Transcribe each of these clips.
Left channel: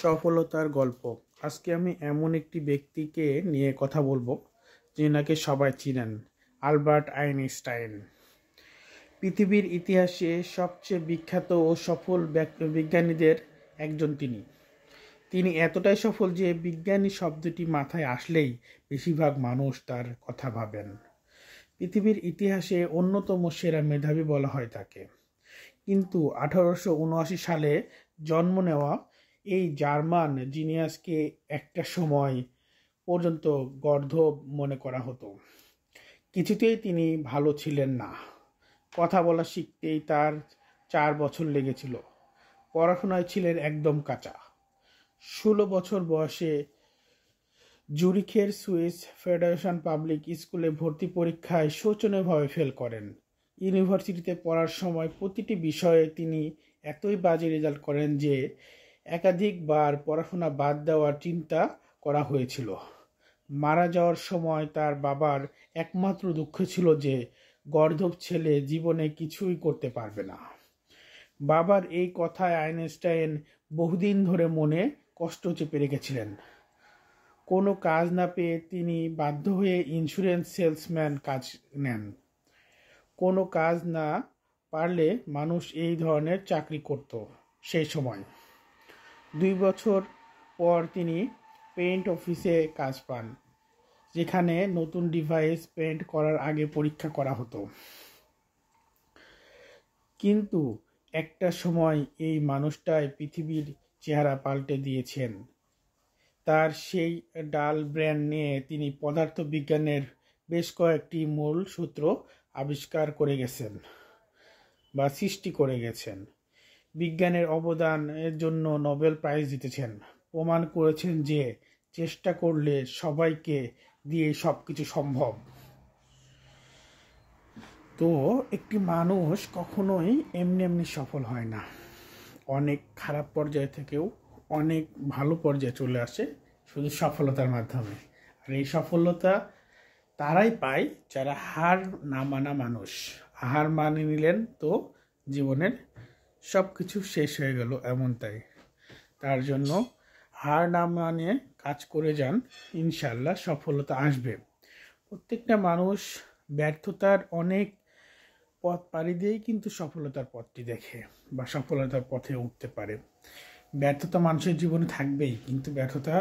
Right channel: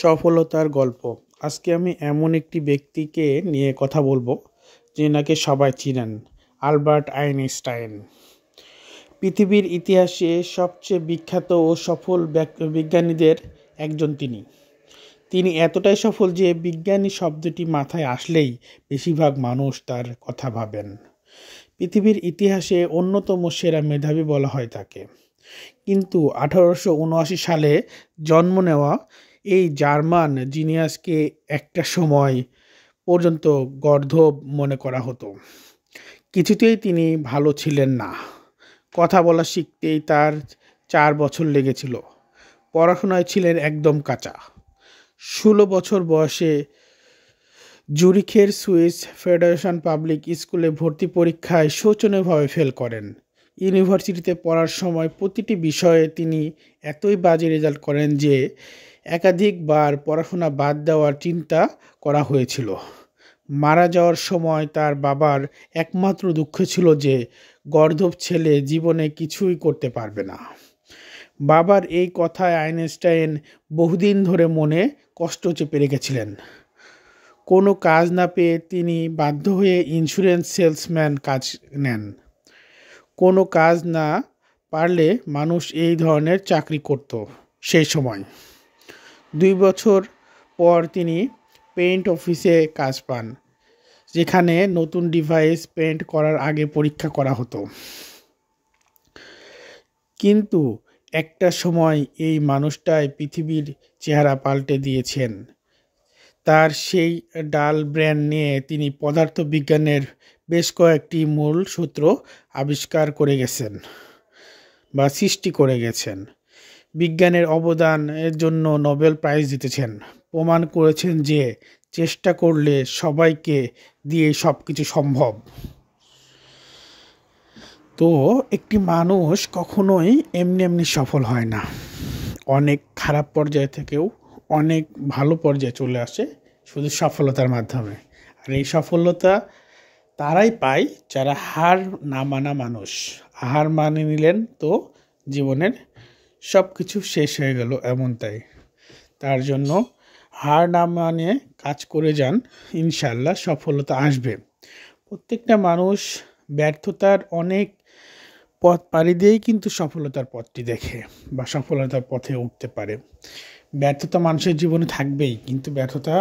সফলতার গল্প। আজকে আমি এমন একটি ব্যক্তিকে নিয়ে কথা বলবো যিনাকে সবাই চিনেন, আলবার্ট আইনস্টাইন। পৃথিবীর ইতিহাসে সবচেয়ে বিখ্যাত ও সফল বিজ্ঞানীদের একজন তিনি এতটাই সফল যে বিজ্ঞানী শব্দটি মাথায় আসলেই বেশিরভাগ মানুষ তার কথা ভাবেন। পৃথিবীর ইতিহাসে অন্যতম সেরা মেধাবী বলা হয় তাকে। কিন্তু 1879 সালে জন্ম নেওয়া এই জার্মান জিনিয়াসকে একটা সময় পর্যন্ত গর্দভ মনে করা হতো। কিছুতেই তিনি ভালো ছিলেন না। কথা বলা শিখতেই তার 4 বছর লেগেছিল। পড়াশোনায় ছিলেন একদম কাঁচা। 16 বছর বয়সে জুরিখের সুইস ফেডারেশন পাবলিক স্কুলে ভর্তি পরীক্ষায় শোচনীয়ভাবে ফেল করেন। ইউনিভার্সিটিতে পড়ার সময় প্রতিটি বিষয়ে তিনি এতই বাজে রেজাল্ট করেন যে একাধিকবার পড়াশোনা বাদ দেওয়ার চিন্তা করা হয়েছিল। মারা যাওয়ার সময় তার বাবার একমাত্র দুঃখ ছিল যে গর্দভ ছেলে জীবনে কিছুই করতে পারবে না। বাবার এই কথায় আইনস্টাইন বহুদিন ধরে মনে কষ্ট চেপে রেখেছিলেন। কোনো কাজ না পেয়ে তিনি বাধ্য হয়ে ইন্স্যুরেন্স সেলসম্যান কাজ নেন। কোনো কাজ না পারলে মানুষ এই ধরনের চাকরি করত সেই সময়। 2 বছর পর তিনি পেইন্ট অফিসে কাজ পান, যেখানে নতুন ডিভাইস পেইন্ট করার আগে পরীক্ষা করা হতো। কিন্তু একটা সময় এই মানুষটাই পৃথিবীর চেহারা পাল্টে দিয়েছেন। তার সেই ডাল ব্রেন নিয়ে তিনি পদার্থবিজ্ঞানের বেশ কয়েকটি মূল সূত্র আবিষ্কার করে গেছেন বা সৃষ্টি করে গেছেন। বিজ্ঞানের অবদানের জন্য নোবেল প্রাইজ জিতেছেন। প্রমাণ করেছেন যে চেষ্টা করলে সবাইকে দিয়ে সব কিছু সম্ভব। তো একটি মানুষ কখনোই এমনি সফল হয় না। অনেক খারাপ পর্যায় থেকেও অনেক ভালো পর্যায়ে চলে আসে শুধু সফলতার মাধ্যমে। আর এই সফলতা তারাই পায় যারা হার না মানা মানুষ। হার মানে নিলেন তো জীবনের সব কিছু শেষ হয়ে গেল এমনটাই। তার জন্য হার না মানে কাজ করে যান, ইনশাল্লাহ সফলতা আসবে। প্রত্যেকটা মানুষ ব্যর্থতার অনেক পথ পাড়ি দিয়েই কিন্তু সফলতার পথটি দেখে বা সফলতার পথে উঠতে পারে। ব্যর্থতা মানুষের জীবনে থাকবেই, কিন্তু ব্যর্থতা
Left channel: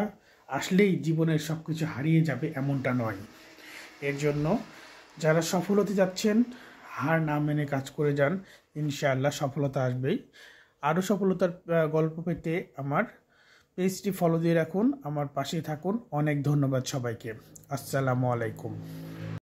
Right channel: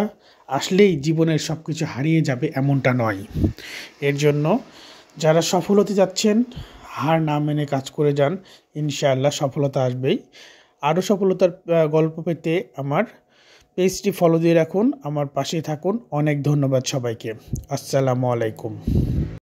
আসলেই জীবনের সব কিছু হারিয়ে যাবে এমনটা নয়। এর জন্য যারা সফল হতে যাচ্ছেন হার না মেনে কাজ করে যান, ইনশাআল্লাহ সফলতা আসবেই। আরও সফলতার গল্প পেতে আমার পেজটি ফলো দিয়ে রাখুন, আমার পাশেই থাকুন। অনেক ধন্যবাদ সবাইকে। আসসালামু আলাইকুম।